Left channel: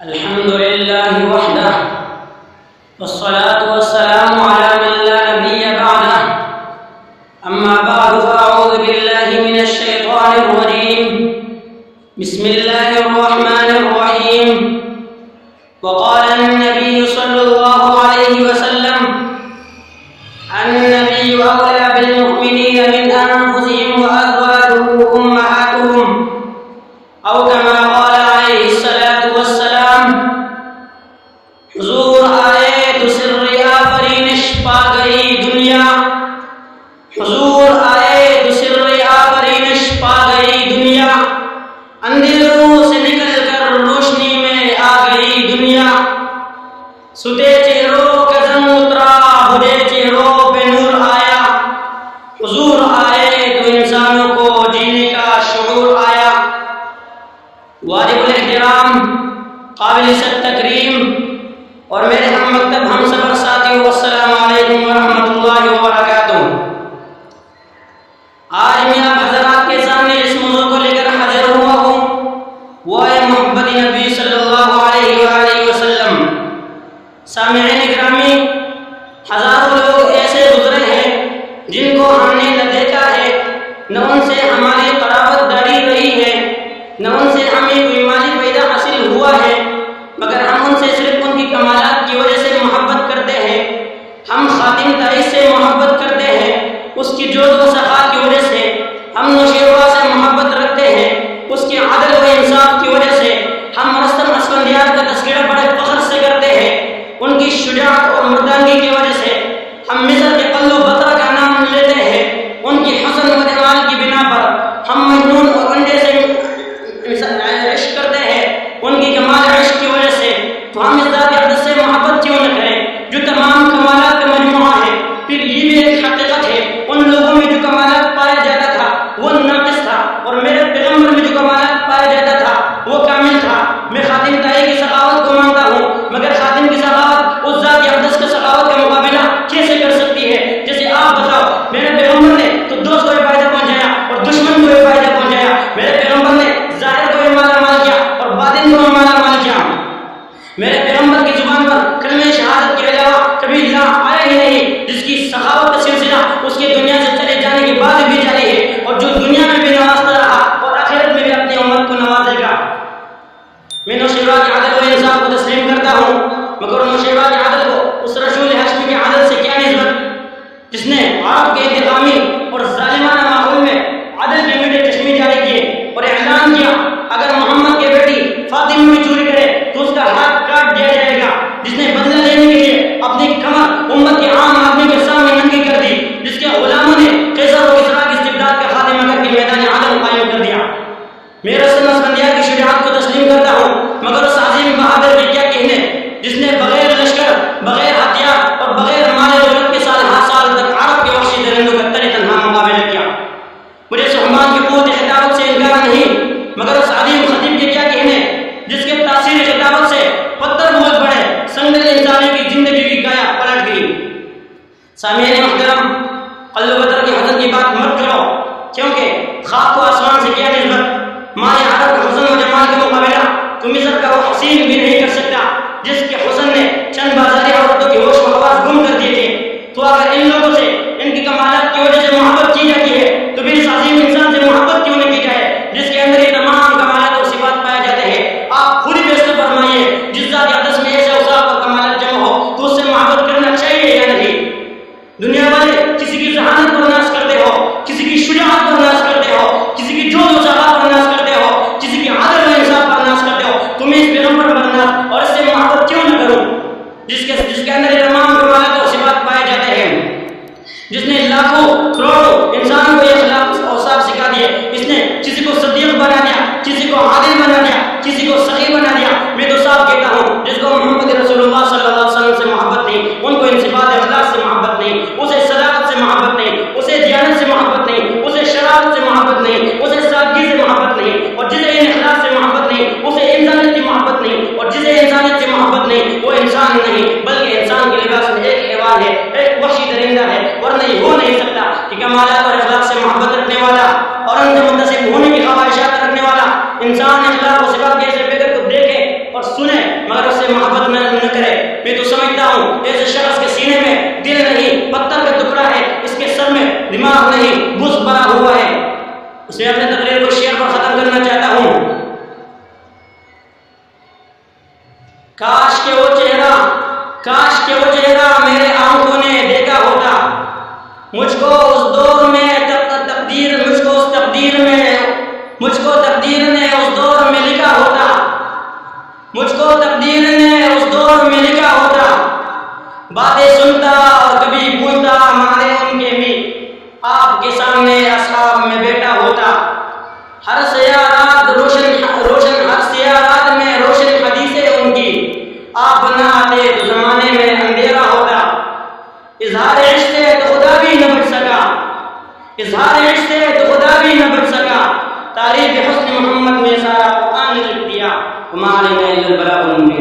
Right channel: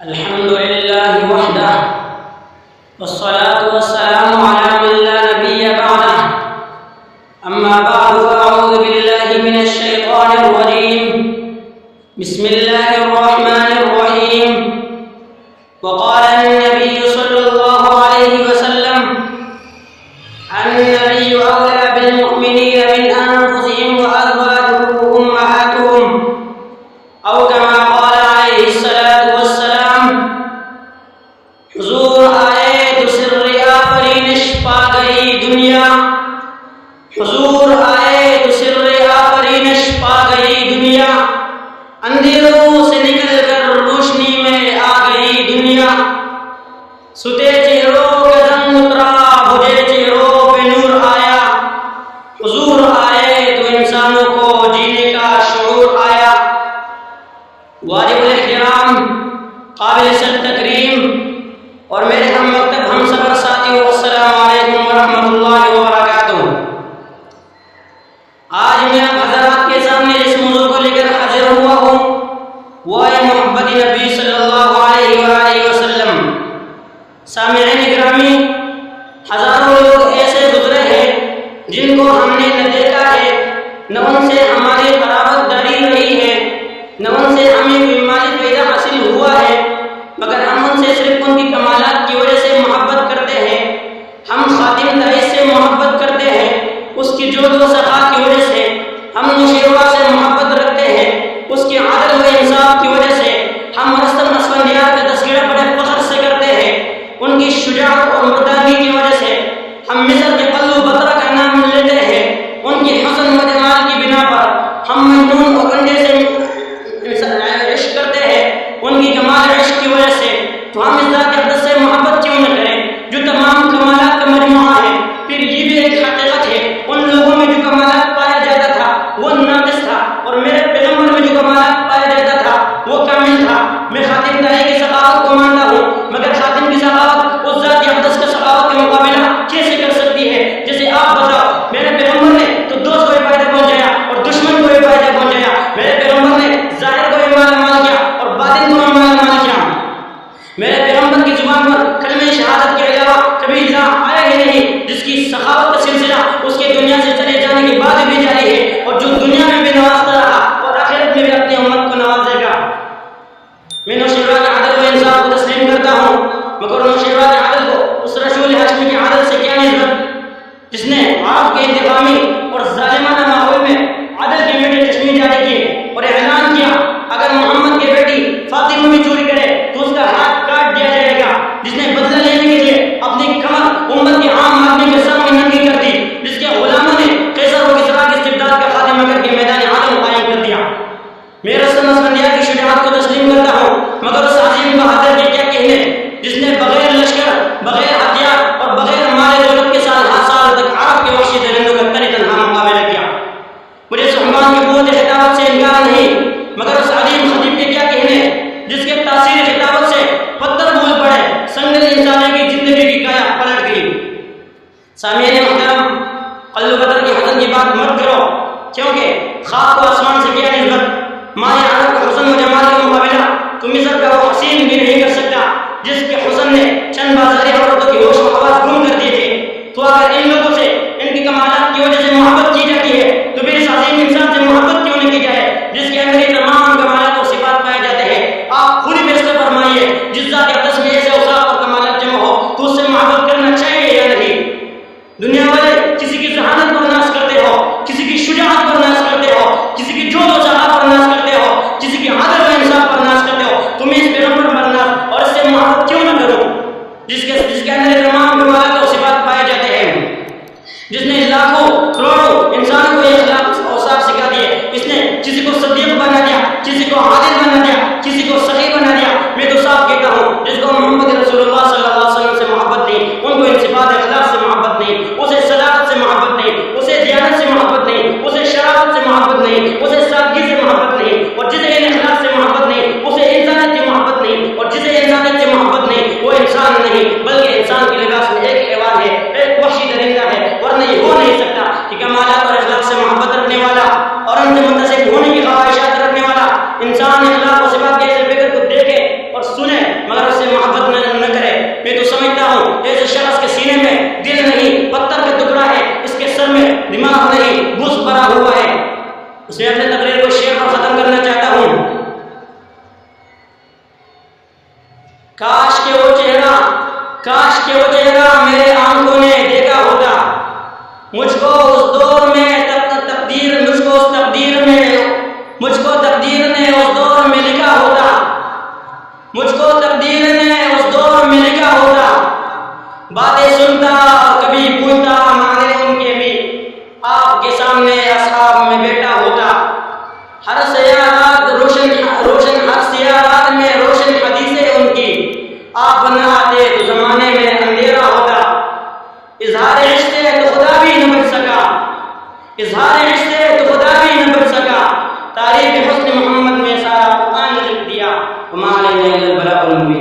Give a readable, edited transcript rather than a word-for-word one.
الحمد لله وحده والصلاة والسلام على من لا نبي بعده أما بعد فأعوذ بالله من الشيطان الرجيم بسم الله الرحمن الرحيم وقال النبي صلى الله عليه وسلم النبي أولى بالمؤمنين من أنفسهم وأزواجه أمهاتهم أو كما قال عليه الصلاة والسلام حضور آئے تو سر آفرینش پا گئی دنیا حضور آئے تو سر آفرینش پا گئی دنیا اندھیروں سے نکل کر روشنی میں آ گئی دنیا ستے چہروں کا زنگ اترا بجھے چہروں پہ نور آیا حضور آئے تو انسانوں کو جینے کا شعور آیا واجب الاحترام قابل صد تکریم اور میرے ہم مکتب ہم سفر ساتھیوں السلام علیکم ورحمۃ اللہ وبرکاتہ۔ آج میں آپ حضرات کے سامنے جس موضوع کو لے کر حاضر ہوا ہوں وہ ہے محبت نبی صلی اللہ علیہ وآلہ وسلم۔ سامعین گرامی، ہزاروں لوگ ایسے گزرے ہیں جن کو ہم نے نہ دیکھا ہے، نہ ان سے ہماری قرابت داری رہی ہے، نہ ان سے ہمیں کوئی مالی فائدہ حاصل ہوا ہے، مگر ہم ان سے صرف ان کی کمالات کی وجہ سے محبت کرتے ہیں۔ ہم خاتم تائز سے محبت کرتے ہیں، اس کی جود و سخا کی وجہ سے۔ ہم نوشیروہ سے محبت رکھتے ہیں، اس کی عدل و انصاف کی وجہ سے۔ ہم رستم اسفندیار کا تذکرہ بڑے فخر سے کرتے ہیں، ان کی شجاعت اور مردانگی کی وجہ سے۔ ہم مصر کے قلو بطرہ کا نام لیتے ہیں، ان کی حسن و جمال کی بنا پر۔ ہم مجنون اور انڈے سے عشق کرتے ہیں، ان کی کمال عشق کی وجہ سے۔ تو ہم اس ذات اقدس سے محبت کیوں نہ کریں جو تمام کمالات کا مجموعہ ہے؟ پھر یہ بھی ایک حقیقت ہے، ان لوگوں میں جو کمالات پایا جاتا تھا وہ ناقص تھا، اور میرے پیغمبر میں جو کمالات پایا جاتا تھا وہ کامل تھا۔ میں خاتم تائی کی سخاوت کو مانتا ہوں، مگر خاتم کی سخاوت اس ذات اقدس کے سخاوت کا مقابلہ کیسے کر سکتی ہے؟ جیسے آپ بتاؤ، میرے پیغمبر نے تو دوست کو بھی فائدہ پہنچایا اور دشمن کو بھی فائدہ پہنچایا۔ میرے پیغمبر نے ظاہر کو بھی مالا مال کیا اور باطن کو بھی مالا مال کیا۔ میرے پیغمبر کی زبان پر کلمہ شہادت کے علاوہ کبھی لا آیا ہی نہیں، جس کی سخاوت کا سلسلہ اس کے دنیا سے چلے جانے کے بعد بھی جاری ہے، اور جو دنیا میں بھی نوازتا رہا اور آخرت میں بھی اپنی امت کو نوازے گا۔ میں نوشیروہ کے عدل و انصاف کو تسلیم کرتا ہوں، مگر نوشیروہ کے عدل کو اس رسول ہاشمی کے عدل سے کیا نسبت جس نے عرب کے انتقامی اور ظالمانہ ماحول میں عدل کے میٹھے چشمے جاری کیے اور اعلان کیا اگر محمد کی بیٹی فاطمہ بھی چوری کرے تو اس کا ہاتھ کاٹ دیا جائے گا، جس نے بدلہ لینے کے لیے اپنی کمر امت کے عام آدمی کے سامنے ننگی کر دی، جس کے غلاموں نے قیصر و کسریٰ کی استبداد کا خاتمہ کر کے میدان عدم قائم کر دیا۔ میں رستم اسفندیار کی شجاعت کو تسلیم کرتا ہوں، مگر اس عظیم بہادر کے کیا کہنے جس نے بغیر لشکر، بغیر ہتھیار اور بغیر مال دولت کے سال ہر سال تک عرب کے وحشی درندوں کا تن تنہا مقابلہ کیا۔ مجھے صحبان کی قوت خطابت سے انکار نہیں، مگر اس عظیم خطیب کے کیا کہنے جس کے تاثیر خطابت سے پتھر بول پڑے، سنگل انسانوں کی زندگی کی کایا پلٹ گئی۔ سامعین محترم، قلو بدر کی حسن کی بات مت کرو، کیونکہ خاک کو آسمان سے کیا نسبت؟ مائے عرب کا حسن و جمال کا مقابلہ تو مصر کا وہ حسین بھی نہیں کر سکتا جس کے حسن نے چند بازاری عورتوں کی ہوش و حواس گم کر دیے تھے۔ تو اگر ان لوگوں سے ان کی کمالات کی وجہ سے محبت کی جاتی ہے تو پھر اس عظیم انسان سے محبت کیوں نہ کی جائے جس کے اندر یہ تمام کمالات اور صفات پائے جاتے ہیں؟ آپ خود ہی فیصلہ فرمائیے، جس ذات اقدس میں ایسے اوصاف اور کمالات جمع ہو تو اس سے محبت کرنا چاہیے یا نہیں؟ دنیا والے کسی کی ذہانت پر ناز کرتے ہو، کسی کی شجاعت پر ناز کرتے ہو، کسی کی جود و سخا پر ناز کرتے ہو، کسی کی عدل و انصاف پر ناز کرتے ہو، تمہیں اس پیغمبر پر ناز اور اس سے محبت کیوں نہ کرو جس کے اندر یہ تمام کمالات اور صفات پائے جاتے ہیں، جس نے لاکھوں کروڑوں انسانوں کو یہ اخلاق اوصاف سکھا دیے، اس نے کسی کو صدیق بنا دیا، کسی کو عادل بنا دیا، کسی کو سخی بنا دیا۔ میں تو صاف کہتا ہوں، جس کو محمد رسول اللہ صلی اللہ علیہ وسلم سے محبت نہیں، ان کو ان صفات اخلاق سے محبت نہیں، اسے صداقت سے محبت نہیں، اسے دیانت سے محبت نہیں، اسے شرافت سے محبت نہیں، اسے سادگی سے محبت نہیں، اور جسے ان اخلاق سے محبت نہیں اسے انسانیت کی محبت نہیں، اور جسے انسانیت سے محبت نہیں وہ انسان نہیں، بلکہ انسان کے لباس میں ایک حیوان ہے، ایک وحشی درندہ ہے۔ ورنہ یہ ہو نہیں سکتا کہ کمالات اور اخلاق سے محبت رکھنے والا اور ان سے منتسب ہونے کی خواہشات رکھنے والا انسان اخلاق و صفات کے ایسے فکر کو دیکھے اور سنے مگر اس سے محبت نہ کرے. میں تو سمجھتا ہوں ایسے شخص کے سینے میں دل نہیں پتھر کا ٹکڑا ہے، اس کے سر میں دماغ نہیں بز بھرا ہوا ہے. اس میں اپنے تقریر کو شعر پر ختم کرنا چاہتا ہوں. کاش کہ وہ چہرہ میرے آنکھوں نے دیکھا ہوتا، مجھ کو اس دور میں تقدیر نے اس دور میں لکھا ہوتا، مجھ کو تقدیر نے اس دور میں لکھا ہوتا. باتیں سنتا اور کبھی پوچھتا معنی ان کے بھی، آپ کے سامنے اصحاب میں بیٹھا ہوتا. ہر سیاہ رات میں روشن حدیثیں ان کی، آپ نہ آتے تو زمانے میں اندھیرا ہوتا. اظہار عشق ہے تو خدا بھی نہ بچ سکا، تعریف حسن محمد میں سارا قرآن لکھ دیا. وما علینا الا البلاغ المبین.